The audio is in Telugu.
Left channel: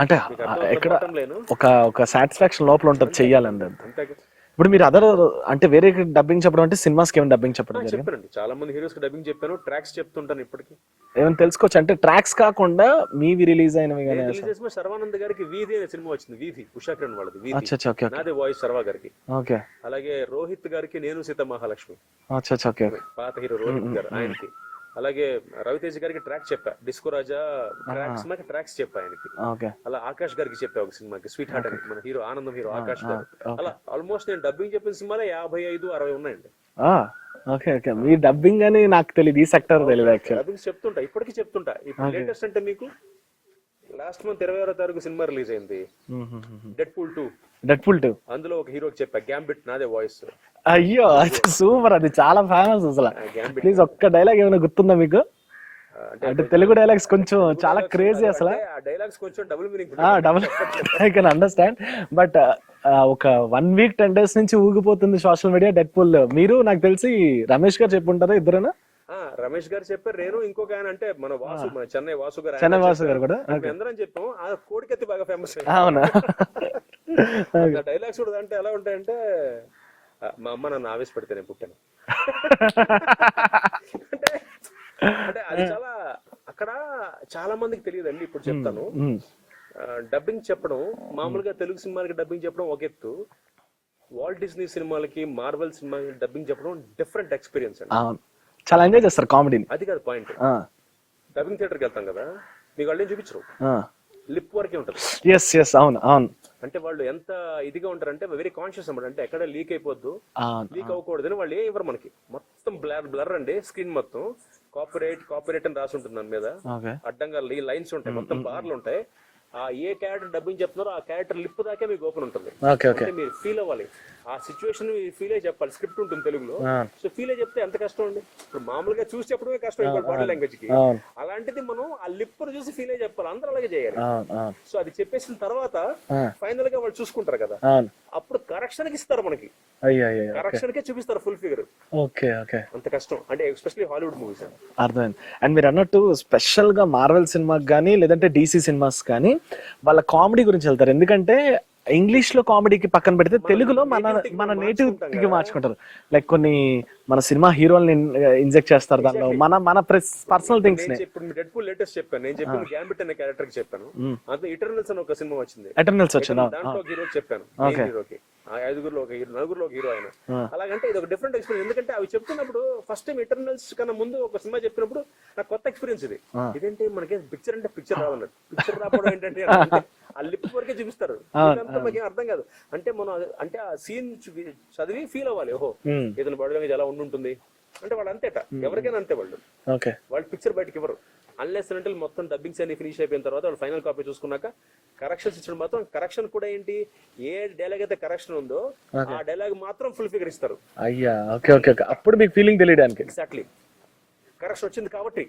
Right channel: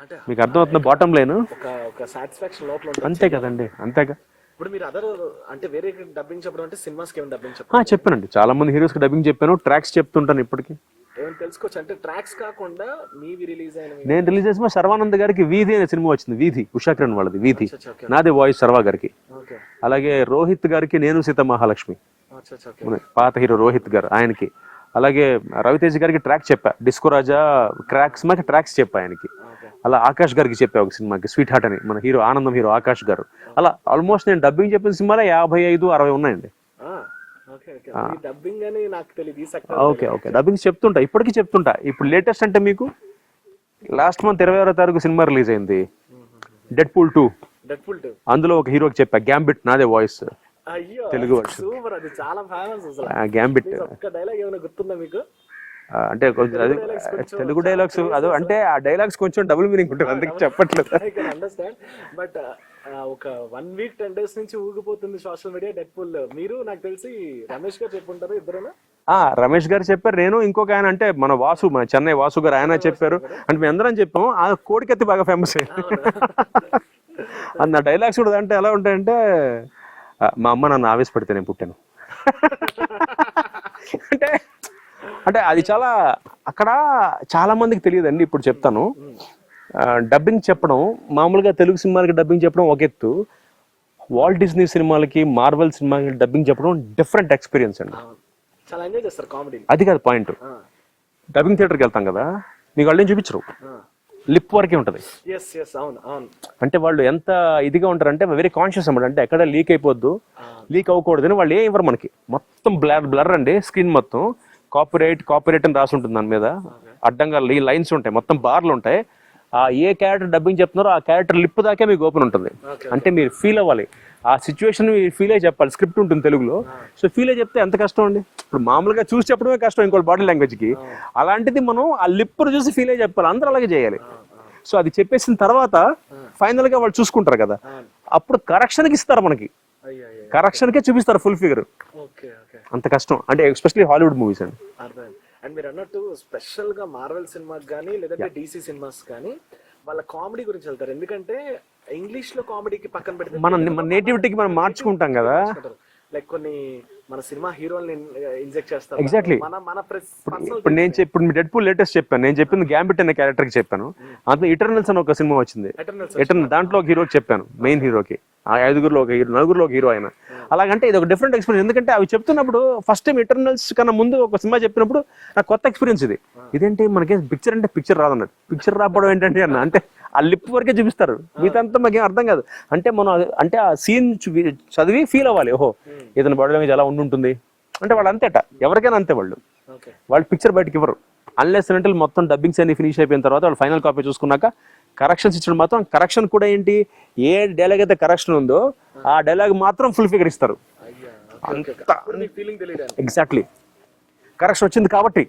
అంటే మీకు అర్థమవుతుంది బాటమ్ లైన్. ఒక ఒక సాటిస్ఫాక్షన్ లోపల ఉంటుంది చెయ్యాలండి. అంతేగా. ఇప్పుడు మీరు అదర్ అంటే వేరే డబ్బింగ్ చెప్పడం అంటే సినిమాస్కి ఏమైనా డబ్బింగ్ చెప్పడం? చెప్పానండి, చాలా మంది హీరోస్ కి డబ్బింగ్ చెప్పాను, ట్రాక్స్ చెప్తుంటాను ఇప్పటికి. ఏమైనా తెలుసుకోవచ్చు అంటే ట్రాక్స్ కాకుండా మీవి రిలీజ్ అయినవి? నేను రిలీజ్ చేసిన శర్వానంద్ గారికి వీధి అనే సినిమా వచ్చింది, వీధి ఉషా కిరణ్ వాళ్ళది వీధి, ఓకే నాదే వాయిస్ శర్వా గారికి. ఓకే. అలాగే రోహిత్ గారికి నేను సీత మహాలక్ష్మి, ఓకే. పాత హీరో రోహిత్ గారు ఆయనకి. అలాగే రవితేజ్ గారికి ట్రాక్ చెప్పా, డిస్కో రాజా క్రాక్స్ మాకి ట్రాక్స్ చెప్పా ఆయనకి. అలా ఆకాష్ గారికి చెప్పా ఒక సినిమాకి, స్వీట్ హార్ట్ అని, మన హీరో ఆనందం హీరో ఆకాష్ గారు. అలా ఆల్మోస్ట్ నేను డబ్బింగ్ చెప్పిన సినిమాలో 55-60 ఉన్నాయండి. Okay okay. మీ డబ్బింగ్ అని నాకు తెలియదు, ఈ సెక్టర్ డబ్బింగ్ చెప్తుంటా, ఇప్పటికీ చెప్తుంటా. ఇప్పుడు లేటెస్ట్ అంటే మీకు లాస్ట్ మంత్ 26వ తారీఖు సినిమా రిలీజ్ అయింది, డెడ్పూల్ 2. అందులో ఒక హీరోకి చెప్పా, గ్యాంబిట్ నాదే వాయిస్. అయ్యో సూపర్, అది చాలా ఫేమస్ అసలు. గ్యాంబిట్ ఒక్క డైలాగ్ ఏమైనా గుర్తుందా మీకు? అంటే తెలుగు డైలాగ్స్ కొంచెం అంటే ఆ డైలాగ్స్ కొంచెం డబుల్ మీనింగ్ ఉంటుంది, చెప్పట్లేదు. I can understand. బట్ ఒక 1 వీక్ 10 days నుంచి ఊగిపోతుంది సోషల్ మీడియా డెడ్పూల్. మీరు నాకు తెలిసి రమేష్ గారు చెప్పుంటారు ఇద్దరునా? రమేష్ గారు చెప్పారు, నేను ఇంకొక ఆయన అంటే మన వాసు, మన చెన్నై వాసు గారు, ఆయన చెప్పారు. అంటే మేము అందరం చెప్పాము. ఆ కోడికత్తి బాగా ఫేమస్ అన్న డైలాగ్స్ కూడా. అంటే ఎలా ఉంటాయంటే, మా అమ్మ నన్ను ఆవేశపడితే నేను పుట్టాను అంటే అంటే అది చాలా అక్కడ చాలా మందికి తెలియదండి. ఇప్పుడు చెప్తాను. డబ్బింగ్ చెప్పడం మామూలుగా తెలుగు సినిమాలకి డబ్బింగ్ చెప్పడం ఒక ఎత్తు, వాల్ట్ డిస్నీ సినిమాలకి మార్వెల్ సినిమాలకి డబ్బింగ్ చెప్పడం డిఫరెంట్ ఎక్స్పీరియన్స్ అండి. చాలా ఎంజాయ్ చేస్తారు కామెడీ. అది కాదు పాయింట్. డబ్బింగ్ థియేటర్కి వెళ్తాం కదా, మీకు వాళ్ళు ఏం చూపించరు, లిప్ వరకే ఉంటది. అవును అవును. అంటే వాళ్ళు ఎంత ఇదిగా ఉంటారంటే వెరీ కాన్షియస్ అన్నమాట. అంటే ఎక్కడ లీక్ అయిపోద్దు, లీక్ అవ్వకూడదు అని వాళ్ళు ఏం ఇవ్వరు మనకి. మొత్తం బ్లర్ అండి స్క్రీన్ మొత్తం. కాపీరైట్ అని రాసి ఉంటుంది దాని మీద. అడ్డంగా లైన్స్ ఉంటాయి, మొత్తం బార్లు ఉంటాయి. ఏ క్యారెక్టర్ డబ్బింగ్ చెప్తున్నారో ఆ క్యారెక్టర్ లిప్ దాకే మీకు ఓపెన్ ఉంటుంది. అంటే మీరు ఫీల్ అవ్వాలి, ఆ సిచ్యువేషన్ ఫీల్ అయ్యి చెప్పాలి. స్క్రిప్ట్ ఉంటుంది తెలుగులో, సో ఫీల్ అయ్యి చెప్తే ఎంత కష్టం అండి. ఇప్పుడు మామూలుగా చూసి చెప్పడమే కష్టం ఇంకోటి బాడీ లాంగ్వేజ్ కి. అలాంటిది మనం ఆ లిప్ చూసి ఫీల్ అయ్యి చెప్పాలి, అందరూ అలాగే చేయాలి. సో అది చెప్పేసిన తర్వాత ఫైనల్ గా వాళ్ళు చూసుకుంటారు కదా, అప్పుడు కరెక్షన్ కి ఇస్తారు మనకి, కరెక్షన్ కే చూపిస్తారు ఫుల్ ఫిగర్. అంత కష్టం అంటే ఎస్పెషల్లీ హాలీవుడ్ మూవీస్ అండి. అర్థమైంది. అండ్ మీరు అన్నట్టు స్పెషల్ గా మార్వెల్ సినిమాకి కానీ లేదంటే డీసీ సినిమాస్ కానీ వాళ్ళ కామెడీ గురించి వెళ్తారు. ఎందుకంటే ఇంగ్లీష్ లో కామెడీకి పక్కన పెడితే నేటివిటీకి మనం మార్చుకుంటాం కదా. లైక్ కొన్ని మన సినిమా హీరోల్ని ఇంజెక్ట్ చేస్తారు. మన పర్సనల్. ఇప్పుడు మీ డెడ్పూల్ లేటెస్ట్ చెప్పాను, నేను చెప్పింది గ్యాంబిట్ అనే క్యారెక్టర్ కి చెప్పాను. అందులో ఇటర్నల్స్ అని ఒక సినిమా వచ్చింది, దాంట్లో ఒక హీరోకి చెప్పాను, మెయిన్ హీరోకి. 5గురిలో ఒక హీరో, 4గురిలో ఒక హీరో ఆయన. అలాగంటే ఇది ఒక డిఫరెంట్ ఎక్స్పీరియన్స్. ఎందుకంటే అవి చెప్తున్నప్పుడు ఫస్ట్ టైం ఇటర్నల్స్ కన్నా ముందు ఒక సినిమా చెప్పినప్పుడు నాకు కొత్త ఎక్స్పీరియన్స్ ఇది. ఇదేంటి మనకి పిక్చర్ అంటే పిక్చర్ రాదన్నట్టు. పిక్చర్ రాకపోవడం ఏంటంటే అంటే ఆ లిప్ వరకే చూపిస్తారు, ఇదంతా మాకేం అర్థం కాదు. అంటే మనం అంటే ఆ సీన్ చదివి ఫీల్ అవ్వాలి, ఓహో ఇతని బాడీ లాంగ్వేజ్ ఎలా ఉంటుంది అంటే. వాళ్ళు అంతేట, ఎవరికైనా అంతే. వాళ్ళు పిక్చర్ బయటకి ఇవ్వరు అన్లెస్ అంటే మొత్తం డబ్బింగ్స్ అన్ని ఫినిష్ అయిపోయిన తర్వాత వాళ్ళు ఫైనల్ కాపీ చూసుకున్నాక కరెక్షన్స్ ఇచ్చడం మాత్రం. కరెక్షన్ కూడా ఏంటి, ఏ డైలాగ్ అయితే కరెక్షన్ ఉందో ఆ డైలాగ్ మాత్రం ఫుల్ ఫిగర్ ఇస్తారు. అప్పుడు మీకు ఫీలింగ్ తెలియడానికి. ఎగ్జాక్ట్లీ కరెక్షన్ వచ్చింది కాబట్టి.